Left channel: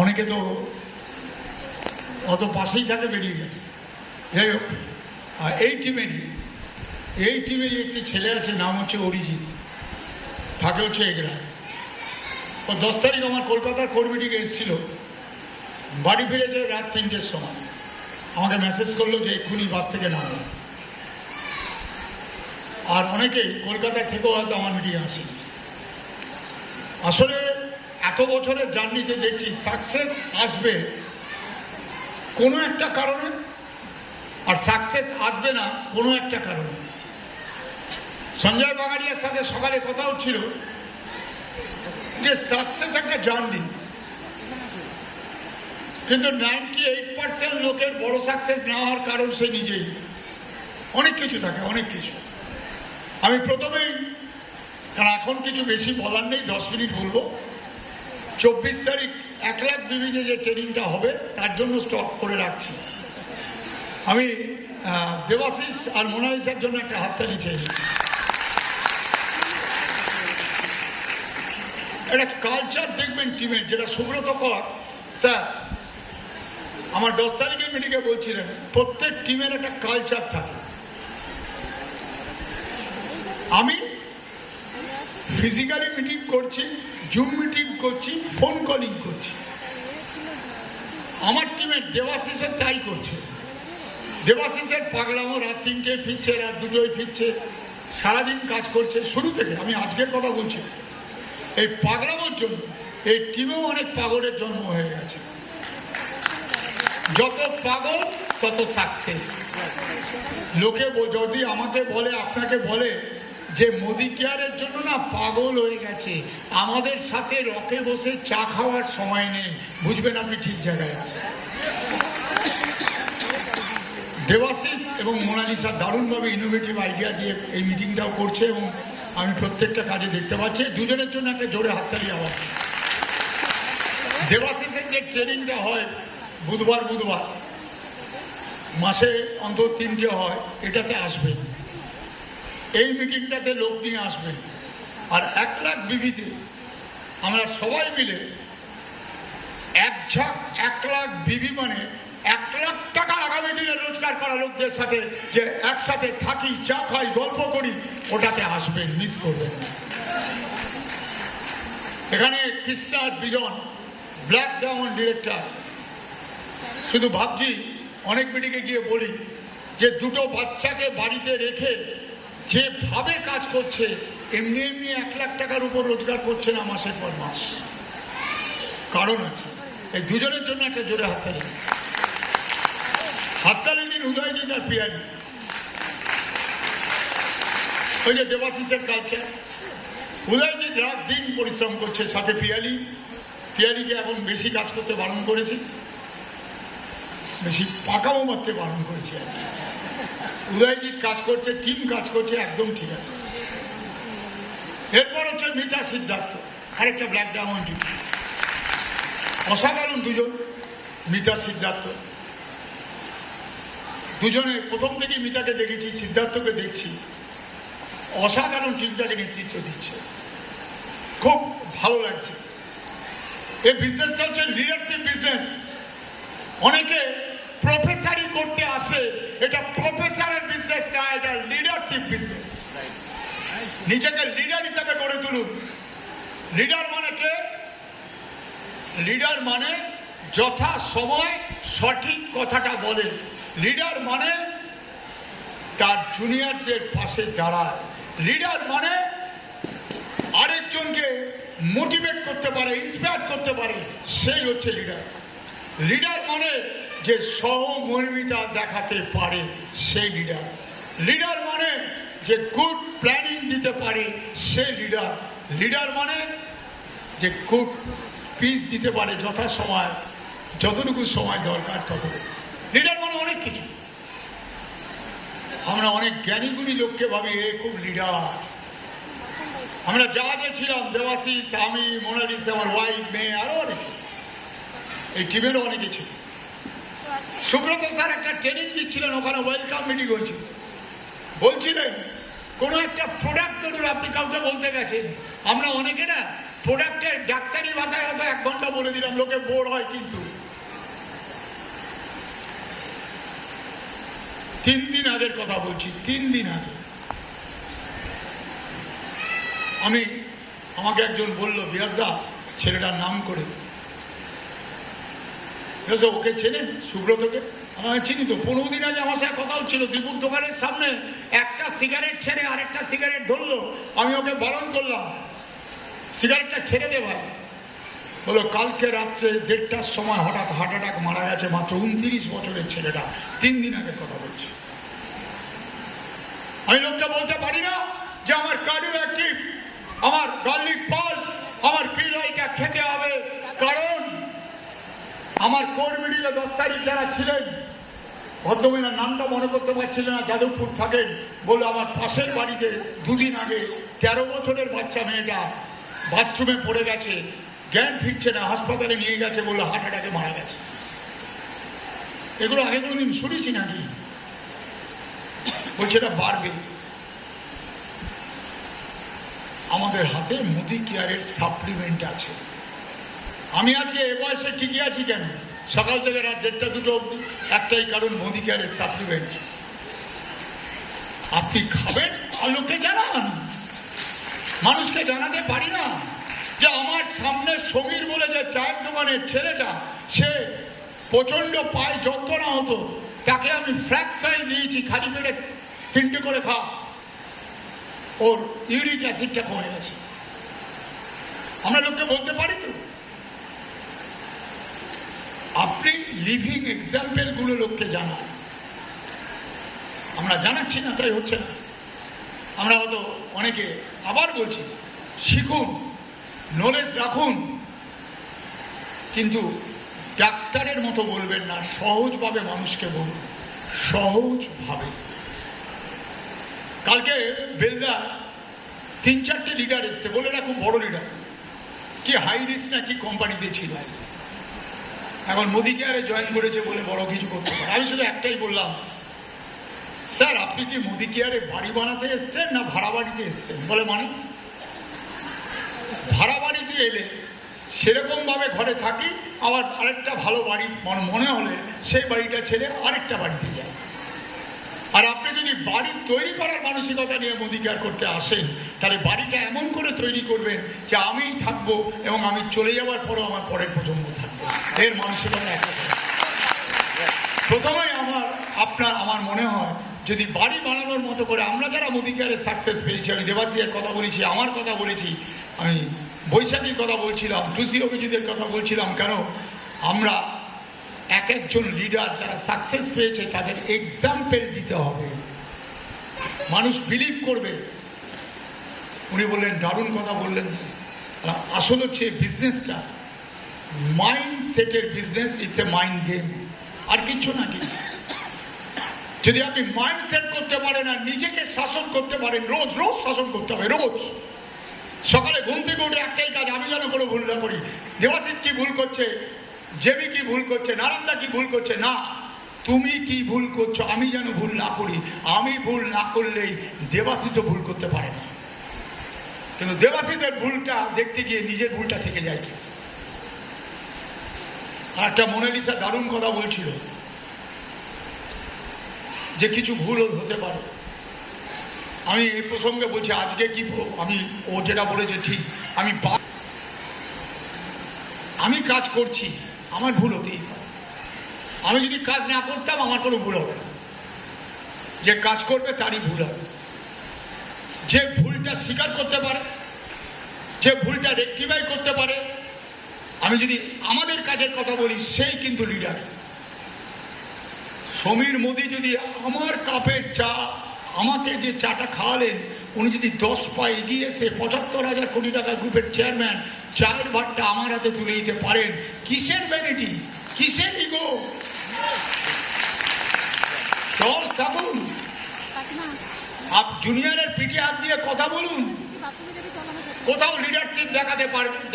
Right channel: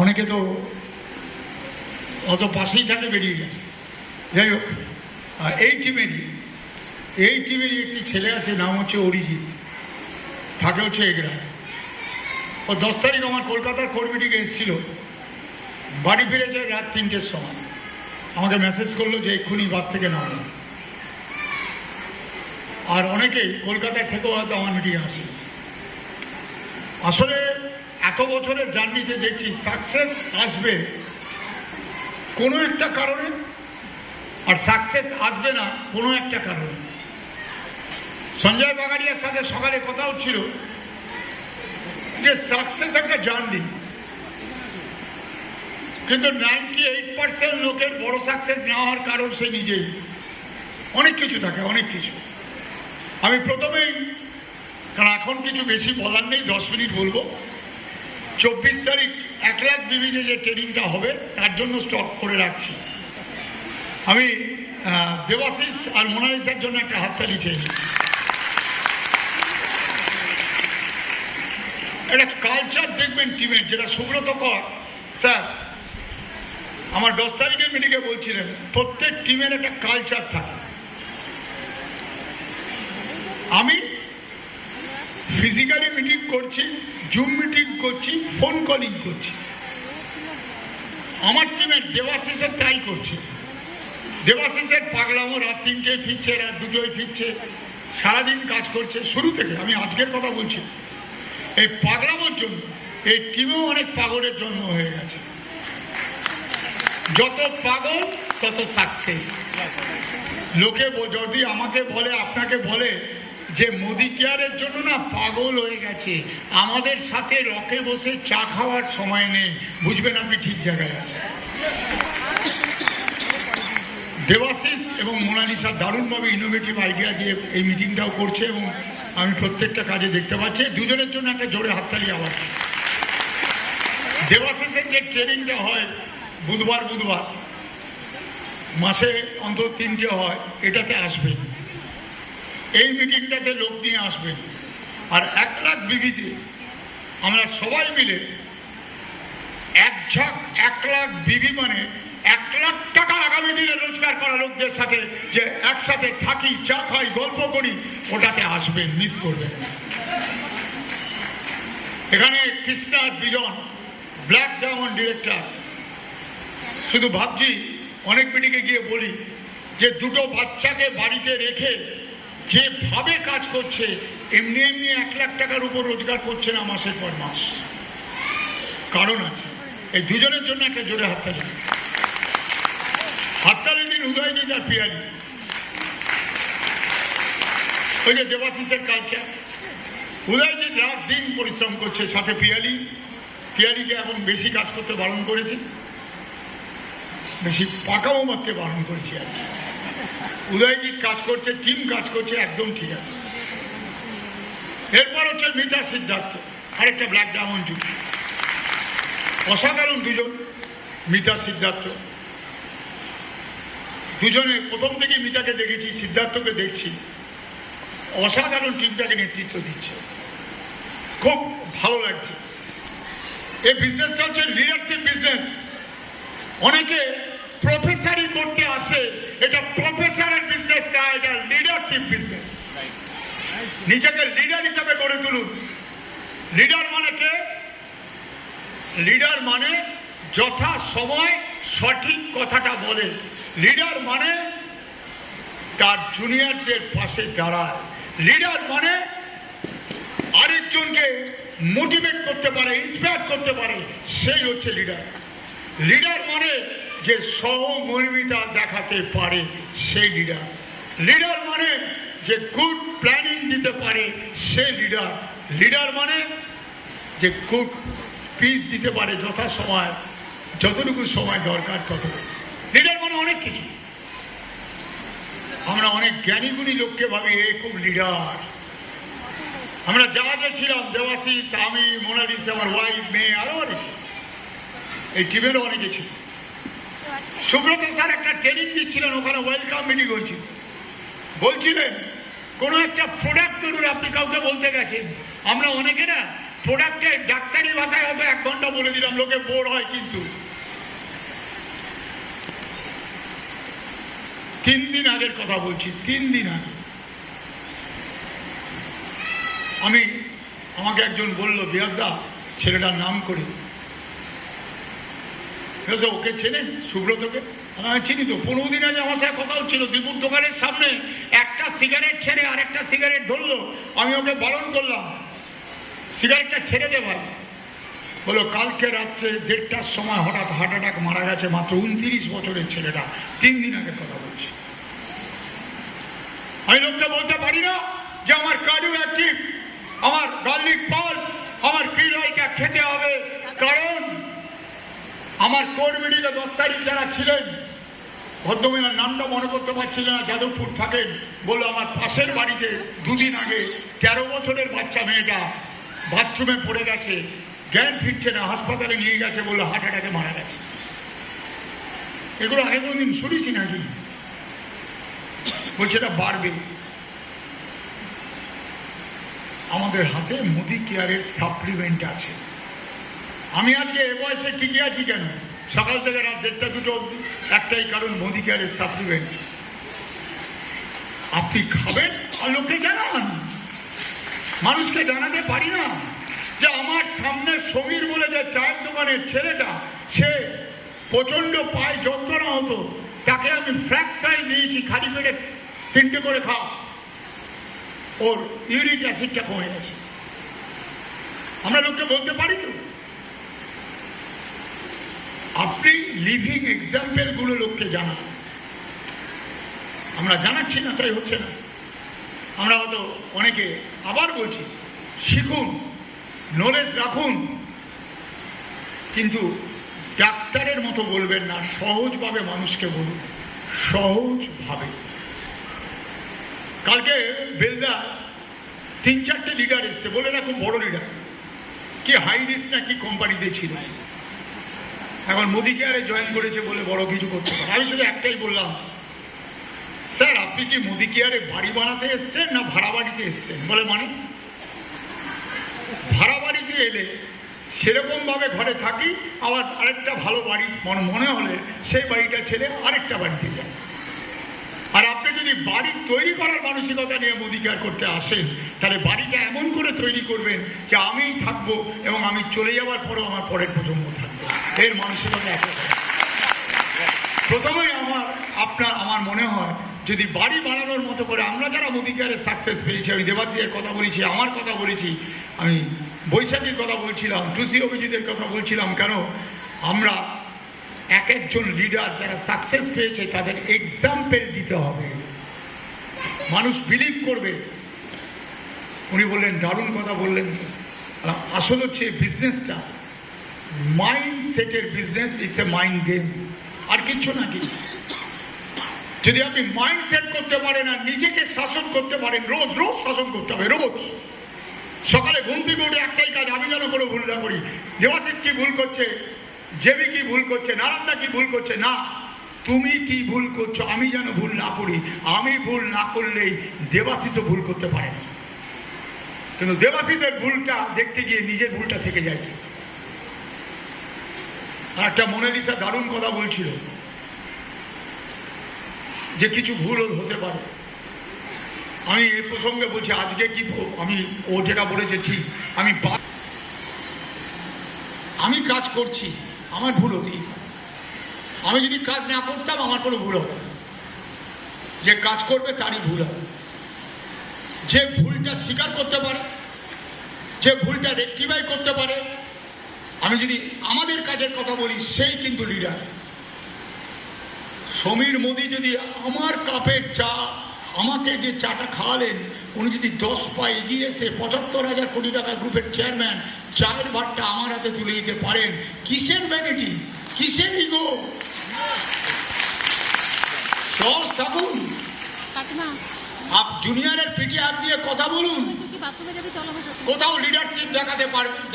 অনেকে তো অত পাশেই থাকে বেরিয়ে গেছে। যাই হোক, এই টিমেরই একটি ছেলে আছে, নাম হচ্ছে অরিজিৎ, থাকে হচ্ছে এগড়ায়। ও 10 তারিখ আমার কলকাতার কোর মিটিংয়ে এসেছিল, বাড়ি ফিরে যায় রাত 3টের সময়, আমাকে মেসেজ করলো যে এক্ষুনি বাস থেকে নামো। আর অনেকেই কলকাতা থেকেও হয়তো আমার মিটিংয়ে আসে। আসলে এত বছরের জার্নিতে দেখছি সাকসেস আসবে কোনো একটা কারণে, আর সাকসেস আসবে না কোনো একটা কারণে। সঞ্জয় বাগাড়িয়ার সাথে সকালে কথা হচ্ছিল যে সাকসেস একটা জার্নি, কিন্তু 98% লোকের বড় সাকসেস না হওয়ার কারণ সে নিজেই। অনেক কিছু থাকে, অনেক কিছু। আমি প্রথমেই, কারণ এখন কিছু বেশি বলার নেই, 10 মিনিট বলবো। 24 তারিখ 1 লাখ বিবিতে যে ট্রেনিংটা হবে তার জন্য স্টক করে রাখছি। আমি দেবাশিস আর মোনালিসার জন্য একটা হাততালি চাই। একটা কালচার দেখবেন টিমের, যেটা সুব্রত কর স্যার আমার 10 তারিখের মিটিংয়ে বলছিলেন, প্রত্যেক টিমের একটা কালচার থাকে। আমি ফিজিক্যালি মিটিং করছি, জুম মিটিং করছি, ফোন কলিং করছি। আমার টিমের দেবাশিসের তাই করছে। দেবাশিসের পাগলামো, রাত 3টেয় ফিরছে, রাত 2টোয় ফিরছে, সারাদিন কাজ করছে শুরু থেকে। আমি আজকের কথা বলছি, এই পাগলামোর জন্য এই টিমেও অনেক পাগলের জন্ম হয়ে গেছে। যত পাগল তত সাকসেস। লোকে যদি আমাকে বলে, আপনাকে বলে যে মোদি কেয়ারের জন্য না পাগল হয়ে গেছে, আমাদের সাথে রকে বসে চা খাওয়ার সময় নেই, বুঝবেন আপনি ঠিক জায়গায় আছেন। দেবাশিস এবং মোনালিসা দারুণভাবে ইনোভেটিভ আইডিয়া দিয়ে এই মিটিংটাও করছে, এবং আমি প্রত্যেকটা কাজে দেখতে পাচ্ছি। দুজনের জন্য একটা জোরে হাততালি আওয়াজ। দেবাশিসের যে ট্রেনিংটা হয় বুধবার মাসে অন্তত 3টে হয়, এটাতে আসবেন। এই মিটিংটাতে লোক নিয়ে আসবেন। আর 1 লাখ বিবিতে আমরা সবাই মিলে এক ঝাঁক 1 লাখ বিবি মানে 1 লাখ টাকা আগামী দিনে রোজগার করা লোকদের সাথে যে একসাথে থাকি, চা খাই, গল্প করি, ওটাতে আসবেন, মিস করবেন না। এখানে কৃষ্ণা বিজন, ব্ল্যাক ডায়মন্ড ডিরেক্টর। শুধু ভাবছি, অনেক মিটিংয়ে গিয়ে বলি যে 2টো বাচ্চাকে বাড়িতে রেখে যেভাবে কাজ করছে, এমনি 1 লাখ টাকার উপর রোজগার করছে না মাসের পর মাস। কারণ আছে। এই দুজনের জন্য একটা জোরে হাততালি দিন উদয়জিৎ আর পিয়ালি। ওই যে দেবাশিসের কালচার, উদয়জিৎ রাত দিন পরিশ্রম করছে, সাথে পিয়ালিকে এখন বেশি কাজ করতে বারণ করেছে, বেশি পাকাও মারতে বারণ করেছে আর কি। উদয়জিৎ কাজ করছে, টিম কাজ করছে, একদম ঠিক আছে। এরপর হচ্ছে মিতা সিদ্ধার্থ, আরেকটা ব্ল্যাক ডায়মন্ড। অসাধারণ দুজন, মিতা সিদ্ধার্থ দুজনে। প্রথম থেকে মিতাকে দেখেছি, সিদ্ধার্থকে দেখছি, অসাধারণ টিমটাকে নেতৃত্ব দিচ্ছে, খুব ভালো লাগছে। এই বিজনেসটা হচ্ছে লিডারশিপ বিজনেস। অনেকে প্রফেসরি করতে আসে, এটা প্রফেসরের বিজনেস না, এটা লিডারশিপ বিজনেস। নিজেকে লিডার হিসাবে গড়ে তুলুন। লিডার মানে কে? লিডার মানে যথা সময় সঠিক কথাটা বলে। লিডার মানে তার জুনিয়রদের পাশে দাঁড়ায়। লিডার মানে আরেকজনকে মোটিভেট করতে পারে, ইন্সপায়ার করতে পারে, সেই হচ্ছে লিডার। লিডার মানে যে সহমর্মিতা দেখাতে পারে, সেই লিডার। লিডার মানে যে গুড প্ল্যানিং দিতে পারে, সেই লিডার। লিডার মানে যে গুড স্পিচ দিতে পারে যথা সময়, যতটুকু সময় দরকার ততটুকু। লিডার মানে অনেক কিছু। আমরা অনেক জ্ঞানীগুণী লোককে ভাবি এ খুব লিডার। আমরা জাহাজে ছিলাম, দেবাশিস, আমি, মোনালিসা, আমার ওয়াইফ, মেয়ে, আরো অনেকে, এই টিমেরও অনেকে ছিল। সুব্রত স্যার একটা ট্রেনিং দিচ্ছিলেন, ওখানে ওয়েলকাম মিটিং হয়েছিল। বলছিলেন কোনো একটা প্রোডাক্ট ধরুন আপনি কাউকে বলতে গেছেন, আমরা অনেকে না প্রোডাক্টের ডাক্তারি ভাষায় হয়তো 1 ঘন্টা বলে দিলাম, লোকে বোর হয়, কিন্তু 3 দিন আগের কথা বলছি, 3 দিন আগে আমাকে একজন বলল, বিয়াসদা ছেলেটার নাম করে, ওকে চেনেন সুব্রতকে? আমি চিনি তো, 15 দিন আগে আমার সাথে কথা হচ্ছিল, দীপুর দোকানের সামনে একটা সিগারেট ছেড়ে আর একটা সিগারেট ধরলো, আমি ওকে বারণ করলাম সিগারেটটা ছেড়ে দে ভাই। বলো কালকে রাত্রে 1:30টার সময় হঠাৎ হার্ট অ্যাটাক মারা গেছে, মাত্র 29 বছরের ছেলেটা, 3 দিন আগে কথা বলছি। আমি লোকটা বলতে পারি না যে আমার কার্ডিও অ্যাক্টিভ, আমার গার্লিক পালস, আমার পিলটা খেতে হবে, কারণ আমার কোর মিডিলে 10 তারিখ যারা ছিলেন, ভদ্রমহিলার নামটা মনে করতে পারছিল না, যাদবপুর থাকেন, বললো আমার পাশের বাড়িতে 2 দিন আগে 13 বছরের বাচ্চা মেয়েটা বাথরুমে পড়ে গেছে, জ্ঞান ফিরছে না, হাসপাতালে নিয়ে গেছে, বললো হার্ট অ্যাটাকে মারা গেছে। এগুলো আগে কোনোদিন শুনেছি নাকি? বলছে এটা বাড়বে। আমাদের হাতে মোদি কেয়ারের সাপ্লিমেন্ট আছে। আমি আজকে এ বয়সে টিকে আছি কেন? সকাল থেকে রাত 1:30 2টো অবধি, একটাই কারণ, মোদি কেয়ারের সাপ্লিমেন্ট। আপনি খাবেন আর লোককে জানান। মানুষকে জানাতে পারি না যে আমার সামনে সমীর বলে যে চায়ের দোকানের ছেলেটা, সে প্রচন্ড পায়ে যন্ত্রণা হতো, তাকে আমি ফ্ল্যাক্সাইড দিয়েছি, খালি পেটে 3টে করে খাও, ওর ইউরিক অ্যাসিডটা কমে গেছে। আমরা লোককে বলতে পারি তো? আপনি লিভিং এক্সাম্পল গুলো লোককে জানান। আমরা জানাচ্ছি না, তাই হচ্ছে না। আমরা হয়তো অনেকে, আবার বলছি, শিখুন, নলেজ রাখুন, কিন্তু ডাক্তারের মতো বলবেন না, সহজভাবে মানুষকে বলুন, সহজভাবে। কালকে বেলদা 3-4টে লিডার এসছে, বলে না খুব বড় লিডার, কি হাই রিস্ক না কি কোম্পানিতে ছিল, এখন মোদি কেয়ারে জয়েন করেছে বলে বড় কিছু করতে পারে। আমি শুধু একটাই বললাম, স্যার আপনি কি মোদি কেয়ারে বাড়ি বানাতে এসছেন না ভাড়া বাড়িতে এসছেন? বলে মানে? ভাড়া বাড়িতে এলে সেরকম ভাবে ঘরে থাকি, আবার আরেকটা ভালো বাড়ি মনে হলে সেই বাড়িটা ছেড়ে আরেকটা বাড়িতে যায়। আর আপনি যদি বাড়ি তৈরি করার মানসিকতা নিয়ে মোদি কেয়ার করতে আসেন, তাহলে বাড়িটা এমন করে তৈরি করবেন যে আমিই থাকবো এবং আমি চলে যাওয়ার পরেও আমার পরের প্রজন্ম থাকবে। এর মানসিকতা একটা। প্রথমেই আমার মনে হয় যদি বাড়ি বানানোর মতো করে, আমরা যারা মোদি কেয়ারের সাকসেস পেয়েছি, আমি দেবাশীর কথা বলেছি, আমার কথা বলেছি, আমি বৈশাখীর কথা বলছিলাম, টুসি অভিজিতের কথা বলছিলাম, কেন আমরা এক একজন লিডার যারা সাকসেস পেয়েছে তাদের এক্সাম্পল দিতে হবে, মানুষ বিলিভ করবে। উনি বললেন, দারুণ কথা বললেন। আসলে হচ্ছে বিজনেসটা মাইন্ড সেটের business, it's a mind game, আর কিচ্ছু না। কি যদি আপনি মাইন্ড সেট করতে পারেন আর নিজেকে শাসন করতে পারেন, রোজ রোজ শাসন করতে হবে, রোজ সকালে ঘুম থেকে উঠে একটাই কাজ, আমি যেন কোনো ভুল না করি। দেবাশিস কি ভুল করছে, জেবি কি ভুল করছে, নারায়ণদা কি ভুল করছে, না তুমি কি ভুল করছো আমি যেন ভুল না করি। আমি ভুল না করলেই দেবাশিসও ভুল করতে পারে না, কিন্তু দেবাশিসের ভুলটা দেখতে গিয়ে নিজের ভুলটা থেকে যায়। কিন্তু আর একটা মোনালিসা দারুণ কথা বলছিল যে কিছু ভুল হতে পারে। আমি এই প্রসঙ্গে বলছি, আজকে কি ও যেটা বলেছে ঠিক, আমি কাজ করছি, আমার ভুল হতেই পারে। আমি যদি কাজ না করতাম আমার কোনো ভুল হবে, যে কাজ করবে তারই ভুল হবে। যে ভুলটা স্বীকার করতে পারে, যে ভুলটা রেকটিফাই করতে পারে, আমি যদি আমাদের কাজের কথা বলি, সেই কিন্তু লিডার। সমীর মোদি যদি আমার কাপের চা, আমাকে যে চাটা খাওয়ালেন, উনি যদি 10 পা এগিয়ে এসে 75,000 কোটি টাকা গ্রুপের চেয়ারম্যান, চায়ের ভাগটা আমার হাতে তুলে দিতে পারেন, কিসের ভ্যানিটি, কিসের ইগো? সহজ থাকুন, জুনিয়রের পিঠে হাত দিয়ে কথা বলুন, কোথাও লিডারশিপ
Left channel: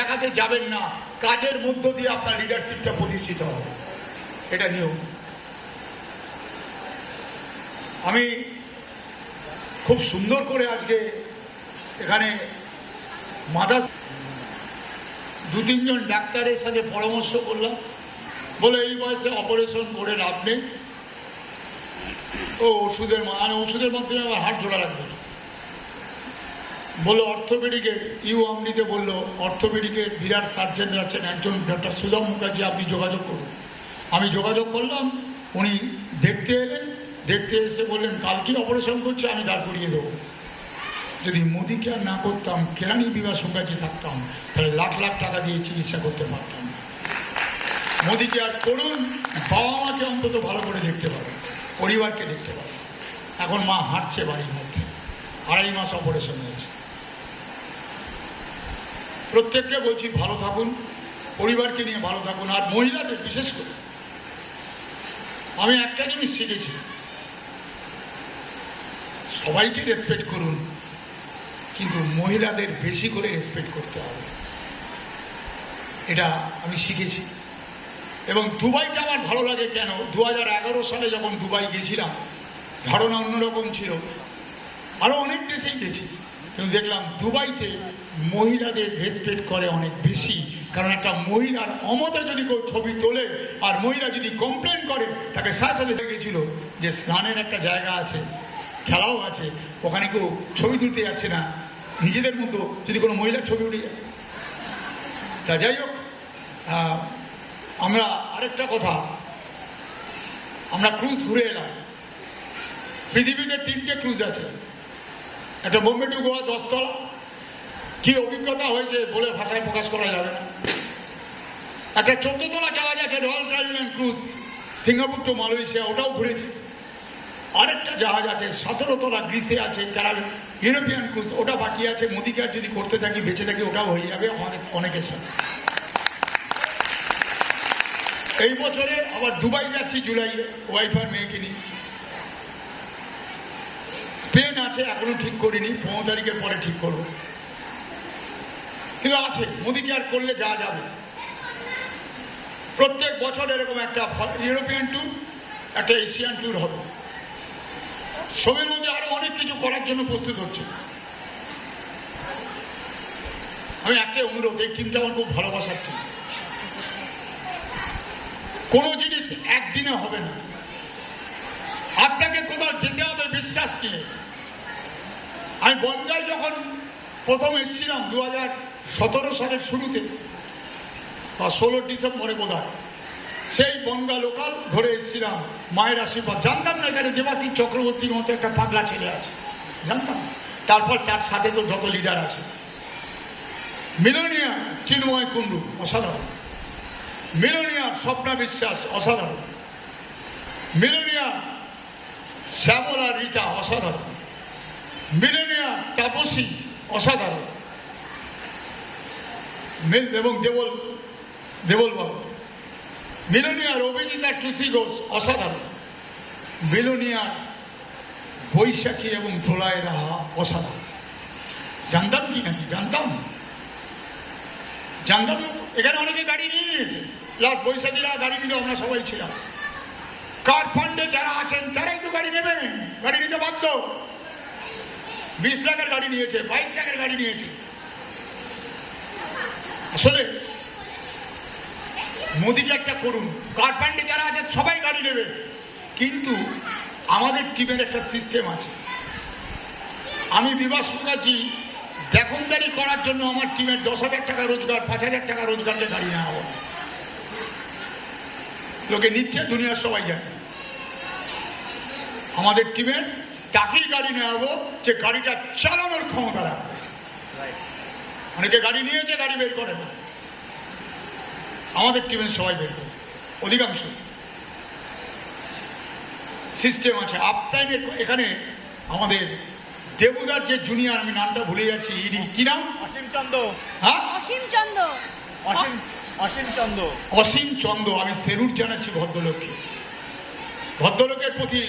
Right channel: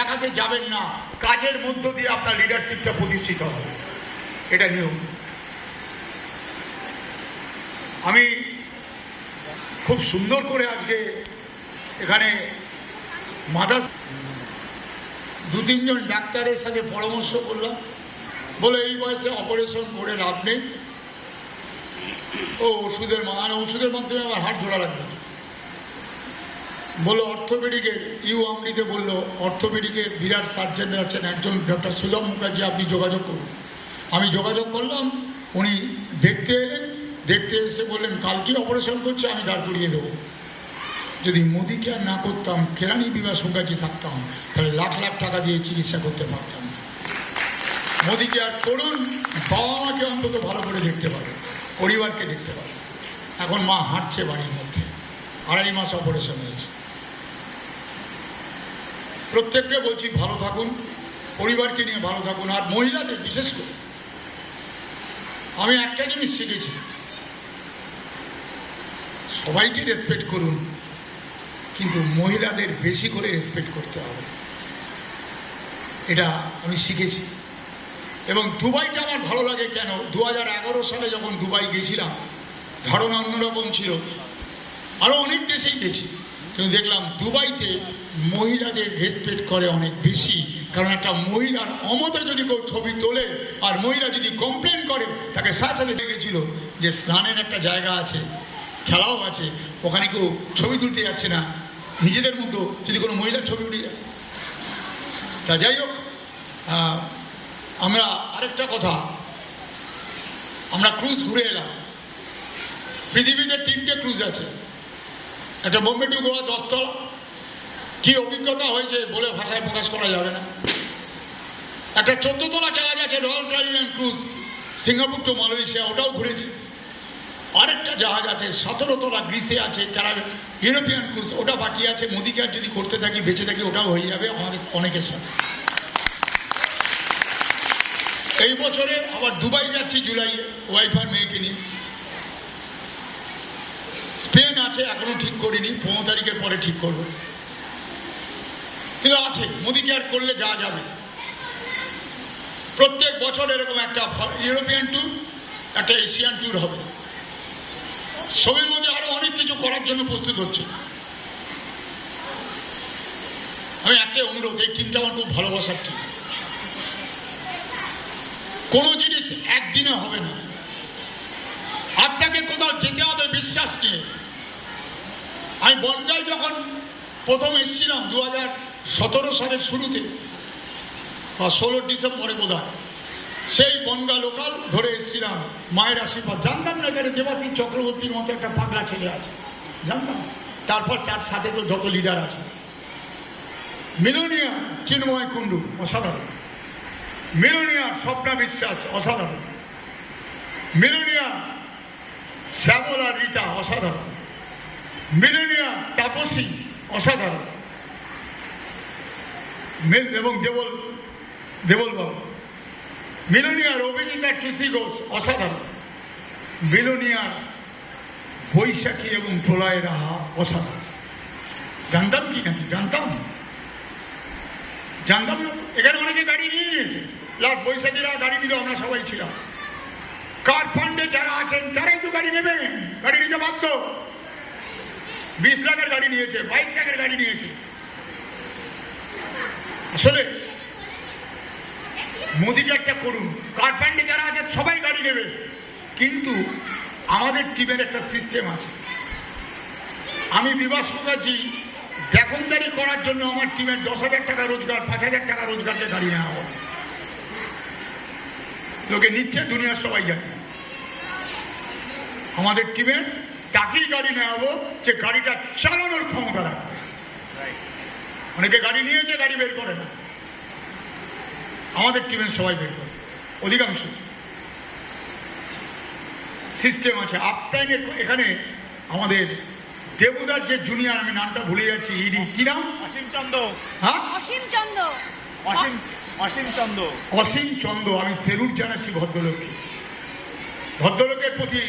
দেখাতে যাবেন না, কাজের মধ্য দিয়ে আপনার লিডারশিপটা প্রতিষ্ঠিত হবে, এটা নিয়ম। আমি খুব সুন্দর করে আজকে এখানে 2-3 জন ডাক্তারের সাথে পরামর্শ করলাম, বলে এই বয়সে অপারেশন করে লাভ নেই, ও ওষুধের মাধ্যমে আমার হাড় জোড়া লাগবে। বললো অর্থোপেডিকের আমনিতে বললো অর্থোপেডিকের বিরাট সার্জেন আছেন একজন ডক্টর সুধম মুখার্জি, আপনি যোগাযোগ করুন। আমি যোগাযোগ করলাম, উনি দেখতে এলেন, দেখতে এসে বললেন কালকে অপারেশন করছে, আমি দাঁড় করিয়ে দেবো। যদি মোদি কেয়ার না করতাম, কেরানি বিভাগ মুখার্জি থাকতাম, তাহলে লাখ লাখ টাকা দিয়ে চিকিৎসা করতে পারতাম না। মোদি কেয়ার করুন, বাবা মাকে অন্তত ভালো করে দেখতে পারে, পরিবারকে দেখতে পারে। এখন মা হাঁটছে বাড়ির মধ্যে, 2.5 মাস অপারেশন হয়েছে। প্রত্যেককে বলছি ভালো থাকুন, পরিবারকে নিয়ে ভালো থাকুন। আর মহিলাদের বিশেষ করে আমি একটা জিনিস শিখেছি, সবাইকে রেসপেক্ট করুন, কিন্তু মহিলাদের বেশি করে রেসপেক্ট করতে হবে, এটা আমি শিখেছি। এবং দুবাইটা আমার ভালো লাগে কেন, 2011 সালে যখন দুবাই গেছিলাম, ধারণা অন্যরকম ছিল, আরও অনেক দেশেই গেছি, কিন্তু দেখলাম দুবাইতে মহিলাদের রেসপেক্ট করে অনেক বেশি। কারণ একটা মহিলার অমতে যদি কেউ ছবি তোলে আর মহিলা যদি কমপ্লেন করে, তাকে সাথে সাথে দেখেছিল যে স্নানের একটা জায়গা আছে, খেলাও আছে, ওখানে কেউ ছবি তুলতে যাচ্ছে না, নিজেদের মতো যদি কোনো মহিলার ছবি উঠে যায়। তা যাই হোক, আমরা আরেকটা কথা, আমরা ক্রুজ ঘুরে এলাম। পৃথিবীতে 3টে ক্রুজ আছে, একটা বোম্বে টু গোয়া 10 তলা, কি অভিজ্ঞতা হয়েছে বলে ভাষায় প্রকাশ করা যাবে না। একটা 14 তলা জাহাজ আছে, royal Caribbean cruise, Singapore to Malaysia, ওটাও ঘুরেছে। আরেকটা জাহাজ আছে 17 তলা, গ্রিসে আছে, ইউরোপিয়ান ক্রুজ, ওটা বাকি আছে। মোদি কেয়ার যদি করতে থাকি, বেঁচে থাকি, ওটাও হয়ে যাবে আমাদের অনেকের সাথে। এই বছরে আবার দুবাই যাচ্ছি জুলাইয়ে, ওয়াইফ আর মেয়েকে নিয়ে। স্পেন আছে, এখনো ঠিক করিনি, 15 তারিখের পরে ঠিক করবো, কিন্তু আছে। মোদি কেয়ার করলে যাওয়া যাবে। প্রত্যেক বছর এরকম একটা ইউরোপিয়ান ট্যুর, একটা এশিয়ান ট্যুর হবে। সবের মধ্যে আরো অনেক কিছু করার জন্য প্রস্তুত হচ্ছে। আমি একটাই অনুরোধ, এই টিমটা আমার খুব ভালোবাসার টিম। কোনো জিনিস একদিনে হবে না, আপনাকে কোথাও যেতে হবে বিশ্বাস নিয়ে। আমি বনগাঁয় যখন প্রথম এসেছিলাম 2017 সালের শুরুতে, বা 16 ডিসেম্বরে বোধ হয়, সেই বনগাঁ লোকাল ধরে এসেছিলাম, মায়ের আশীর্বাদ। জানতাম না এখানে দেবাশিস চক্রবর্তীর মতো একটা পাগলা ছেলে আছে, জানতাম। তারপর তার সাথে তো যত লিডার আছে, মিলনিয়া চিন্ময় কুণ্ডু অসাধারণ, মিলনিয়া স্বপ্না বিশ্বাস অসাধারণ, মিলনিয়া শ্যামলা রীতা অসাধারণ, মিলনিয়া তাপসী অসাধারণ, এবং দেবল বাবু, মিলনিয়ার অভিনেতা টুসি ঘোষ অসাধারণ, মিলনিয়ার বৈশাখী এবং প্রলয় রাহা অসাধারণ। জানতাম কি নাকি? জানতাম না। এখানে অনেকে গাড়ি নিয়ে নিয়েছে, লাস্ট বৈশাখীরা গাড়ি নিলে আমরা সবাই ছিলাম। কার ফান্ডে যারা আছেন তারাই তো গাড়ি নেবেন, গাড়ি নিতে বাধ্য। 20 লাখের গাড়ি নিয়েছে, 22 লাখের গাড়ি নিয়েছে। আসলে মোদিকে একটা করুন, কার ফান্ডে যারা আছে সবাই গাড়ি নেবে, কিন্তু আমাদের টিমের একটা সিস্টেম আছে। আমি বিভাস মুখার্জি দেখনদারি করার জন্য আমার টিমের 10,000 টাকা রোজগার, 5,000 টাকা রোজগারকে গাড়ি নেওয়া হবে। লোকে নিচ্ছে, দুনিয়ার সবাই জানে। আমাদের টিমের তাকেই গাড়ি নেওয়া হবো যে গাড়িটা চালানোর ক্ষমতা রাখবে। অনেকে গাড়ি নিয়েছে, গাড়ি বের করে না, আমাদের টিমের সবাই বের করে, অধিকাংশ। সিস্টেম আছে আপটাইনের। এখানে আমাদের দেবুদার যে জুনিয়র, আমি নামটা ভুলে যাচ্ছি, ইডি কি নাম? অসীম চন্দ্র। হ্যাঁ, অসীম চন্দ্র। আমি সেলুট জানাচ্ছি ভদ্রলোককে। ভদ্রলোকের প্রতি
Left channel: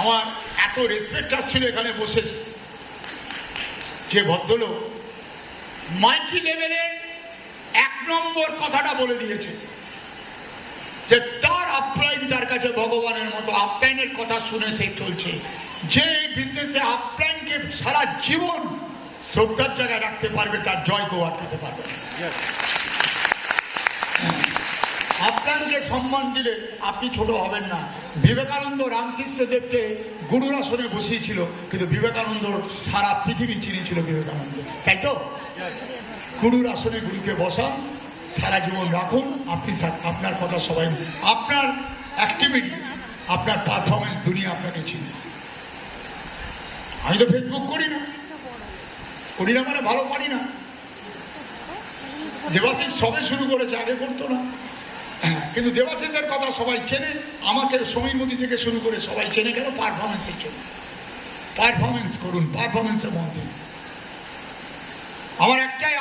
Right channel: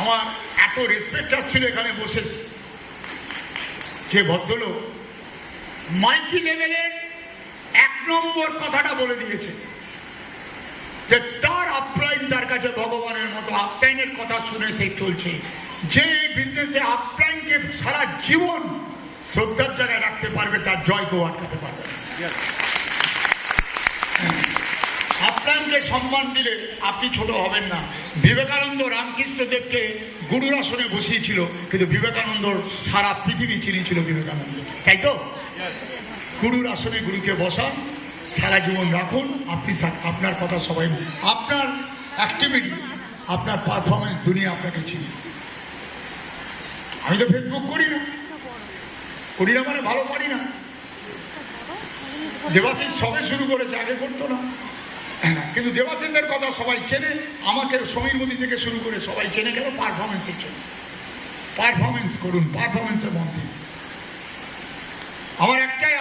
আমার এত রেসপেক্ট আসছিল এখানে বসে। যে ভদ্রলোক মাল্টি লেভেলের 1 নম্বর কথাটা বলে দিয়েছে যে তার আপলাইন তার কাছে ভগবানের মতো। আপলাইনের কথা শুনে সে চলছে। যে এই বিজনেসে আপলাইনকে সারা জীবন শ্রদ্ধার জায়গায় রাখতে পারবে, তার জয় কেউ আটকাতে পারবে না। আপনাকে সম্মান দিলে আপনি ছোট হবেন না। বিবেকানন্দ রামকৃষ্ণদেবকে গুরুর আসনে বসিয়েছিল, কিন্তু বিবেকানন্দ সারা পৃথিবী চিনেছিল বিবেকানন্দ, তাই তো? গুরুর আসনে গুরুকে বসান, সারা জীবন রাখুন, আপনি আপনার কথা সবাই, আপনার অ্যাক্টিভিটি, আপনার পারফরমেন্স দুনিয়া আপনাকে চিনি। আমি তো ফেসবুক করি না মানে ভালো পারি না। দেবাশিস সবে শুরু করেছে, আগে করতো না, কিন্তু দেবাশিসের কথা সবাই চেনে, আমাকে সমীর মোদী থেকে শুরু করে সবাই চেনে কেন? পারফরমেন্সের জন্য। পারফরমেন্স করুন, পারফরমেন্সের মধ্যে আমার একটাই